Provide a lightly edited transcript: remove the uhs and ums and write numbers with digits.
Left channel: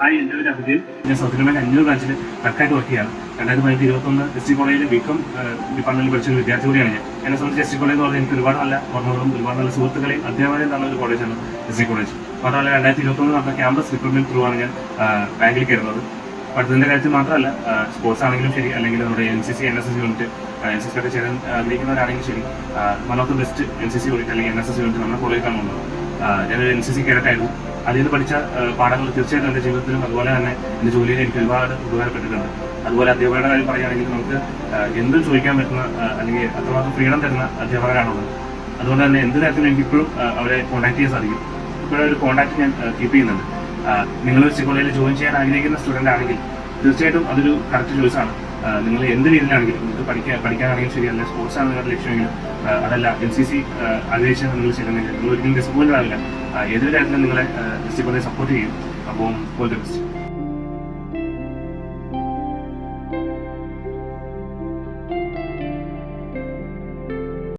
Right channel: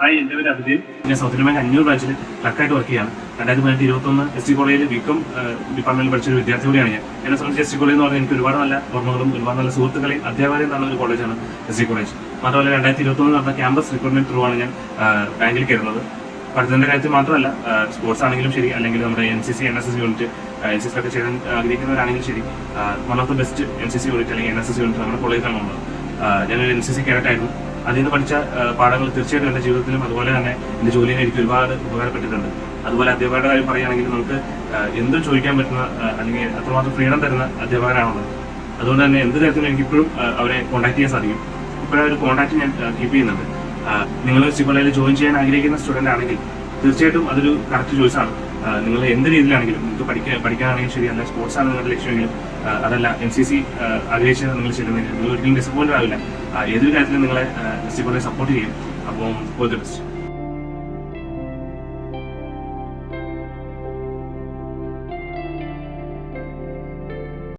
Hi, എൻ്റെ പേര് അഭിജിത്ത്. ഞാൻ സൗത്ത് ഇന്ത്യൻ ബാങ്ക് 500 ബ്രാഞ്ചിൽ ക്ലർക്കായിട്ട് വർക്ക് ചെയ്യാണ്. 2021 SC കോളേജിൽ ബികോം ഡിപ്പാർട്ട്മെന്റിൽ പഠിച്ച ഒരു വിദ്യാർത്ഥി കൂടിയാണ് ഞാൻ. എന്നെ സംബന്ധിച്ച് SC കോളേജ് എന്ന് പറഞ്ഞാൽ എനിക്ക് ഒരുപാട് നല്ല ഓർമ്മകളും ഒരുപാട് നല്ല സുഹൃത്തുക്കളെയും അധ്യാപകരെയും തന്ന ഒരു കോളേജാണ് SC കോളേജ്. മാത്രമല്ല 2021 നടന്ന ക്യാമ്പസ് റിക്രൂട്ട്മെന്റ് ത്രൂ ആണ് ഞാൻ ബാങ്കിൽ കയറുന്നത്. പഠിത്തത്തിന്റെ കാര്യത്തിൽ മാത്രമല്ല, സ്പോർട്സ് ആണെങ്കിലും ശരി, അല്ലെങ്കിൽ നമ്മുടെ NCC NSS യൂണിറ്റ് NCC ഒക്കെ ചെയ്യാൻ ആഗ്രഹിക്കുന്നവരാണെങ്കിലും ശരി, one of the best NCC unit അല്ലെങ്കിൽ NSS യൂണിറ്റ് നമ്മുടെ കോളേജിലാണ് വന്നത്. ഞാനൊരു NCC കേഡറ്റായിരുന്നു. അതിൽ നിന്ന് പഠിച്ച പാഠങ്ങൾ തീർച്ചയായിട്ടും എൻ്റെ ജീവിതത്തിലും അതുപോലെ തന്നെ എൻ്റെ ജോലിയിലും എനിക്ക് ഒരുപാട് ഉപകാരപ്പെട്ടിട്ടുണ്ട്. അതുപോലെ അധ്യാപകരുടെ കാര്യം പറയുകയാണെങ്കിൽ നമുക്ക് എന്തും ചോദിക്കാൻ പറ്റുന്ന അല്ലെങ്കിൽ അത്രമാത്രം ഫ്രീഡം തരുന്ന അധ്യാപകരാണുള്ളത്. അതുകൊണ്ട് തന്നെ എന്ത് തരത്തിലും എനിക്കിപ്പോഴും അവരെ കോൺടാക്ട് ചെയ്യാൻ സാധിക്കും. ഇപ്പോഴും ഒരു കോൺടാക്ട് ഞാൻ കീപ്പ് ചെയ്യുന്നുണ്ട്. നിങ്ങൾ SC കോളേജിൽ ജോയിൻ ചെയ്യാൻ ആഗ്രഹിക്കുന്ന സ്റ്റുഡൻ്റ് ആണെങ്കിൽ തീർച്ചയായിട്ടും അതൊരു കറക്റ്റ് ചോയ്സാണ്. നിങ്ങൾ എന്ത് രീതിയിലാണെങ്കിലും നിങ്ങൾക്ക് പഠിക്കാനാണെങ്കിലും ശരി, അല്ല സ്പോർട്സ് ആണ് നിങ്ങളുടെ ലക്ഷ്യമെങ്കിലും, അതല്ല NCC ആഗ്രഹിച്ചാൽ നിങ്ങൾ ചെയ്യുന്നില്ല, നിങ്ങൾ ഒരിക്കലും ഡിസപ്പോയിൻറ്റഡ് ആവില്ല. ഏതൊരു കാര്യത്തിലും നിങ്ങളെ SC കോളേജ് സപ്പോർട്ട് ചെയ്യും. അപ്പോൾ ഓൾ ദി ബെസ്റ്റ്.